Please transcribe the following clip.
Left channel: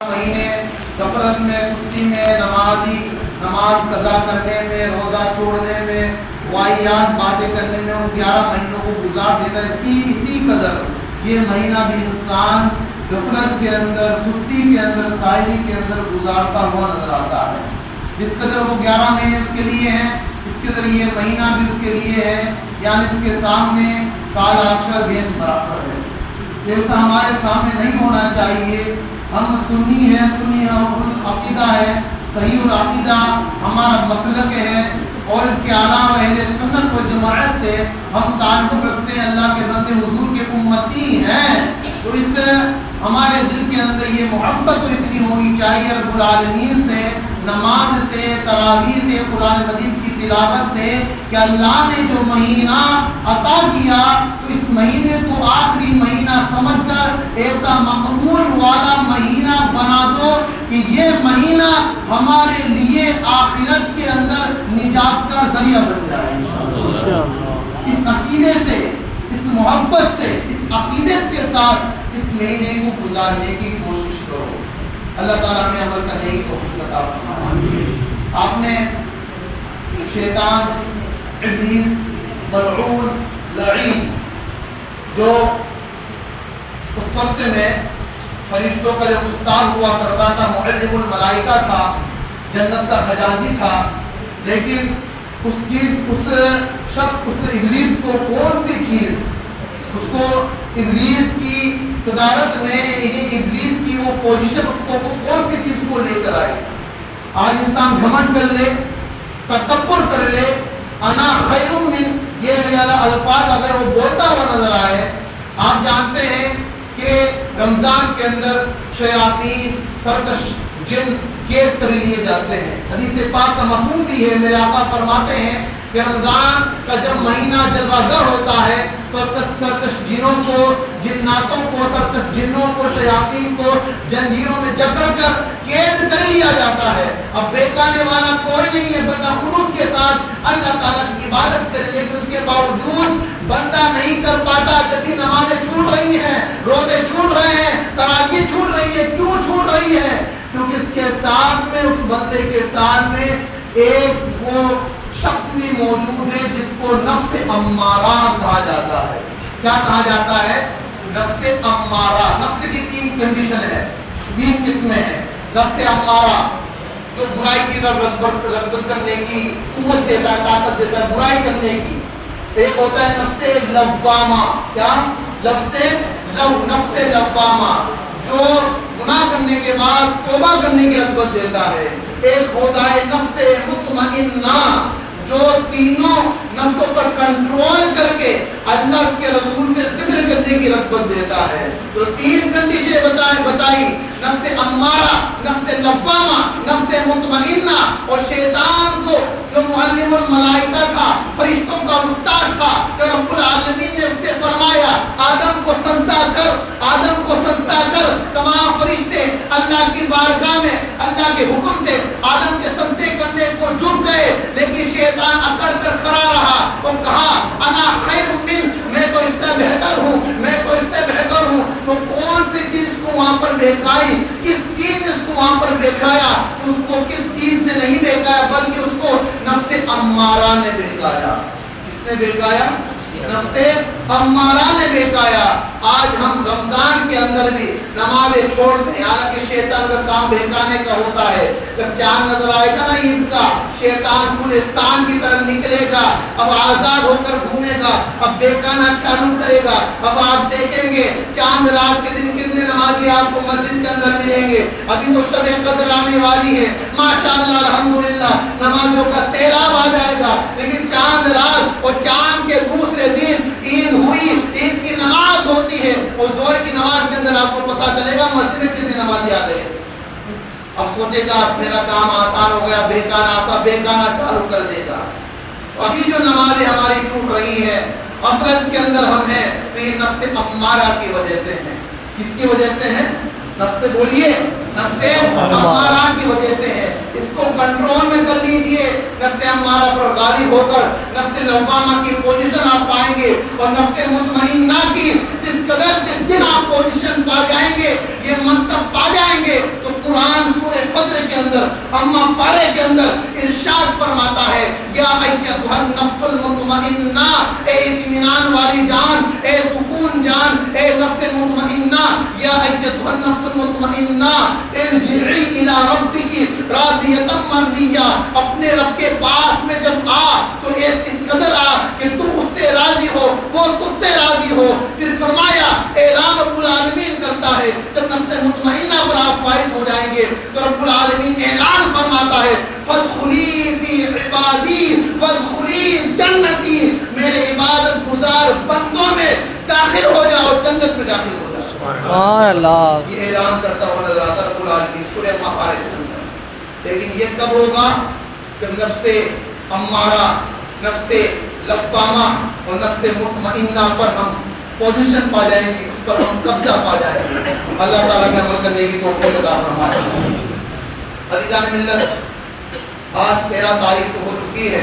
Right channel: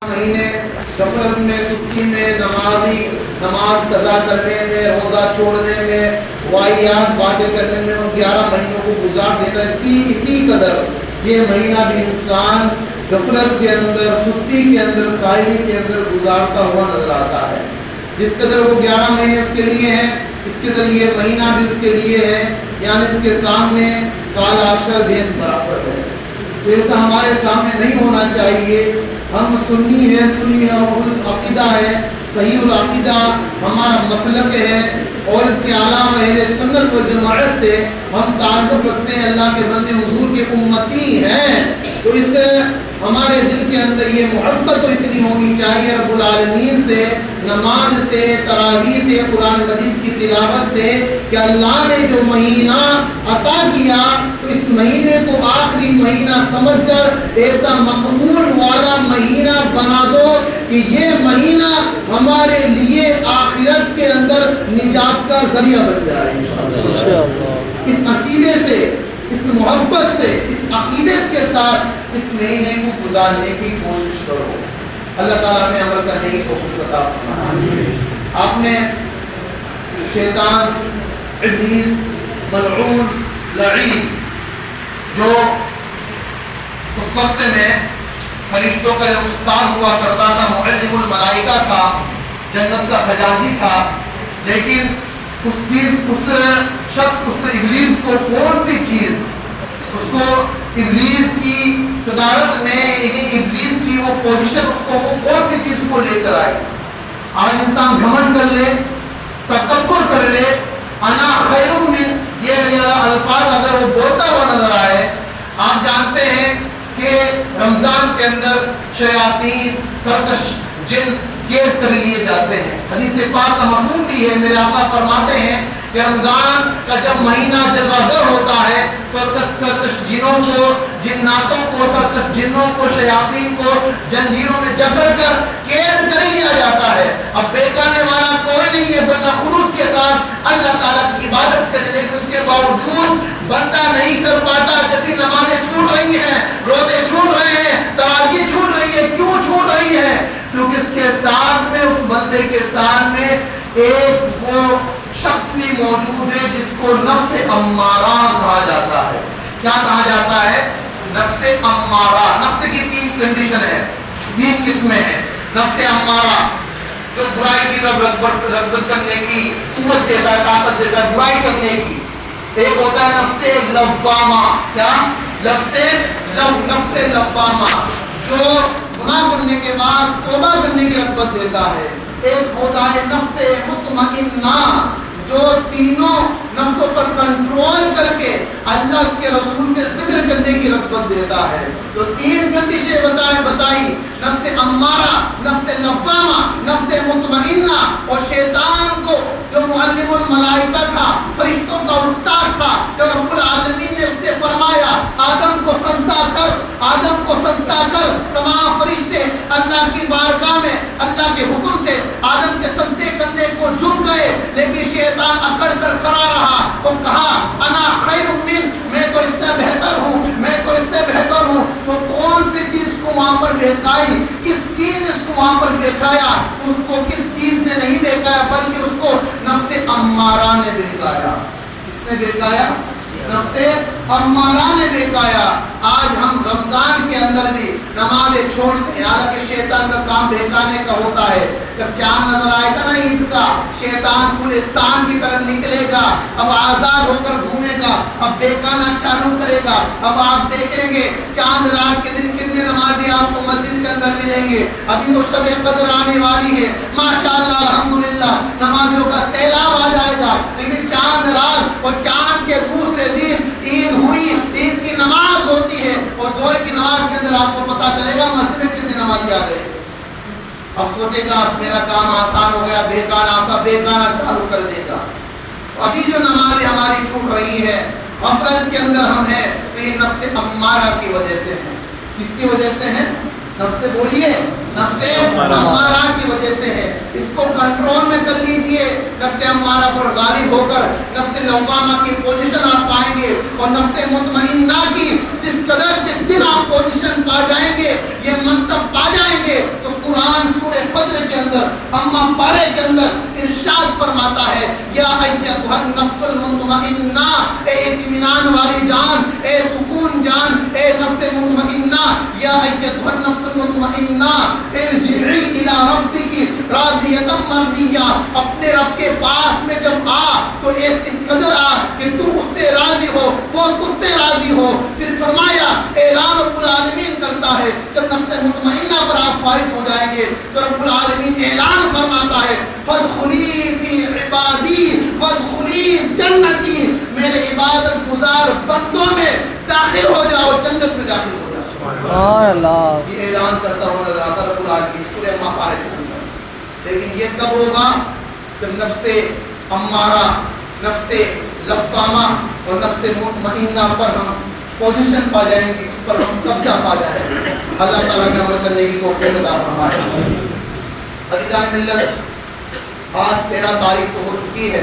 مہینے غفلت میں، سستی میں، نماز قضا کرنے میں، روزہ چھوڑنے میں، واہیات باتیں کرنے میں ان 11 مہینوں کو گزار دیتا ہے۔ اسی قدر یہ مہینہ بھی انسان غفلت کے اندر، سستی کے اندر، کاہلی کے اندر گزارتا ہوا نظر آتا ہے۔ جس قدر وہ 11 مہینے اس کے لیے ہیں، اس قدر یہ مہینہ بھی اس کے لیے ہے، یعنی اس کے سامنے کال اکثر بھیس برابر ہے۔ ایسا ہمارے سامنے نہیں ہونا چاہیے۔ ہم سنی ہے، سنی العقیدہ ہے، صحیح العقیدہ ہمارا مسلک ہے، اور اس کے علاوہ اہل سنت و جماعت سے ہم تعلق رکھتے ہیں، اللہ کے بندے حضور کے امتی ہیں۔ تو اس سے ہمارے دل کے اندر یہ محبت تو اتنی ہونی چاہیے رب العالمین سے، نماز سے، تراویح سے، قرآن مجید کی تلاوت سے، کہ اللہ نے جو مہینہ عطا کیا تو اس مہینے کو آخری مہینہ سمجھ کر ایسا مقبول والا مہینہ بنا دو کہ یہ مہینہ ہمارے لیے آخرت کے اندر نجات کا ذریعہ بن جائے۔ اس عقیدے سے، اس محبت سے، اس عقیدت کے ساتھ اس مہینے کو گزارنے کی کوشش کرو۔ اللہ تعالیٰ نے عمل کرنے کی توفیق عطا فرمائے۔ آپ نے شیطان، ابلیس، ملعون، لعین، جو اس وقت میں فرشتوں کا جو استاد ہوا کرتا تھا، معلم الملائکہ تھا، جنت کا خزانچی تھا، لیکن اس شخص، اس ابلیس کو کون سی چیز، اس کو ابلیس کی صدارت میں، ابلیس کی وہ پوزیشن، اس کو وہ کون سی چیز کو لے کر آئی؟ آج انسان گھمنڈ کر لے، تکبر کر لے، انا خیر من، یہ الفاظ اگر وہ بولتا ہوا نظر آئے۔ آپ جانتے ہیں کہ رمضان کے اندر شیاطین، سرکش جن قید کر لیے جاتے ہیں۔ حدیث پاک کا مفہوم بھی ہے، میرے آقا فرماتے ہیں کہ رمضان کا جب مہینہ جلوگر ہوتا ہے تو سرکش جنوں کو، جناتوں کو، سرکش جنوں کو، شیاطین کو جنجیروں میں جکڑ کر قید کر لیا جاتا ہے۔ اب بیکانے والا کوئی نہیں ہے، بندہ خلوص کے ساتھ اللہ تعالیٰ کی عبادت کرے، لیکن اس کے باوجود بندہ نہیں کر پاتا۔ جب بھی نمازیں چھوٹ رہی ہیں، روزے چھوٹ رہے ہیں، تراویح چھوٹ رہی ہے، کیوں چھوٹ رہی ہے؟ کیونکہ اس کے ساتھ میں، اس بندے کے ساتھ میں ایک وہ شخص بھی موجود ہے جس کو نفس امارہ کہا جاتا ہے۔ کیا کہا جاتا ہے؟ نفس امارہ۔ نفس کی 3 کنڈیشن ہے، 3 قسمیں ہیں۔ نفس امارہ جو برائی کی طرف رغبت کرنے کی قوت دیتا ہے، طاقت دیتا ہے برائی کرنے کی۔ ایک ہوتا ہے نفس لوامہ۔ کیا؟ نفس لوامہ جو گناہ کرنے کے بعد توبہ کرنے کی رغبت دیتا ہے۔ ایک ہوتا ہے نفس مطمئنہ جو تینوں نفسوں پر کنٹرول کر کے اللہ اس کے رسول کے ذکر کرنے کی رغبت دیتا ہے۔ تو 3 کنڈیشنیں بتائی، نفس امارہ، نفس لوامہ، نفس مطمئنہ۔ اور شیطان کو جو معلم الملائکہ تھا، فرشتوں کا استاد تھا، تو رب العالمین نے اس سے فرمایا آدم کو سجدہ کر، آدم کو سجدہ کر۔ تمام فرشتے اللہ کی بارگاہ میں اللہ کے حکم سے آدم کے سجدے کرنے کو جھک گئے، لیکن شیطان اکڑ کر کھڑا رہا اور کہا انا خیر من، میں تو اس سے بہتر ہوں، میں تو اس سے بہتر ہوں۔ تو کون سی چیز کو وہاں پر بہکائی؟ کس چیز نے اس کو وہاں پر بہکایا؟ اس کو کس چیز نے نہیں بہکایا، بلکہ اس کو نفس امارہ نے بہکایا۔ کس نے بہکایا؟ نفس امارہ نے بہکایا۔ آج ہم رمضان کے اندر بھی نمازیں چھوڑتے ہیں، حالانکہ شیطان کا کام بہکانے کا ہوتا ہے۔ جب چاند نظر آئے گا نا عید کا، شیطان گلستان کی طرف نکلے گا، اب آزاد ہو کر گھومے گا، اب بہکانا چالو کرے گا۔ اب آپ دیکھیں گے چاند رات کے دن کتنے نمازی آپ کو مسجد کے اندر ملیں گے۔ ابھی تو شب قدر آنے والی ہے، ماشاءاللہ الحمدللہ نمازیوں کا سیلاب آ جائے گا، لیکن چاند رات اور چاند کے دوسرے دن عید ہوئی، عید کی نماز ہوتی ہے، اور ظہر کی نماز کے اندر آپ کو پتا چلے گا مسجد میں کتنے نمازی آ گئے۔ اب سوچے گا میرا کام آسان ہو گیا، بہکانا چالو کر دے گا۔ ابھی جو نمازیں ہماری چھوٹ رہی ہیں، غفلت کے اندر ہم ہیں، تو یہ نفس امارہ کی وجہ سے ہے۔ کس کی وجہ سے ہے؟ نفس بولیے، نفس امارہ کی وجہ سے ہے۔ اس کو کنٹرول میں کر لیجئے، نفس امارہ پر غالب ہو کر نفس لوامہ کی پوزیشن آپ پائیں گے، اور نفس مطمئنہ کی جس دن آپ پوزیشن پا جائیں گے، یہ منصب پا جائیں گے، تو اندر اما پارے کے اندر ارشاد فرماتا ہے یا ایتھا النفس المطمئنہ، اے اطمینان والی جان، اے سکون جان، اے نفس مطمئنہ، یا ایتھا النفس المطمئنہ ارجعی الی ربک راضیۃ مرضیہ، اپنے رب کے پاس میں جب آ تو اس قدر آ کہ تو اس سے راضی ہو، وہ تجھ سے راضی ہو۔ پھر فرمایا اعلان رب العالمین کرتا ہے جب نفس مطمئنہ پر آپ فائز ہو جائیں گے تو رب العالمین اعلان فرماتا ہے فادخلی فی عبادی وادخلی جنتی، میرے عبادت گزار بندوں میں داخل ہو جاؤ، جنت میں داخل ہو جاؤ۔ سبحان اللہ، یہ اعلان کرتا ہوا اللہ رب العالمین سورہ مائدہ کے اندر۔ لیکن یہ کب ہوگا؟ جب نفس امارہ، نفس لوامہ اور نفس مطمئنہ پر ہم پوزیشن پا جائیں گے، اس پر ہم قبضہ پا جائیں گے۔ اللہ تعالیٰ نے عمل کرنے کی توفیق عطا فرمائے۔ عزیزان ملت، آج 13 تاریخ تو ہو چکی ہے،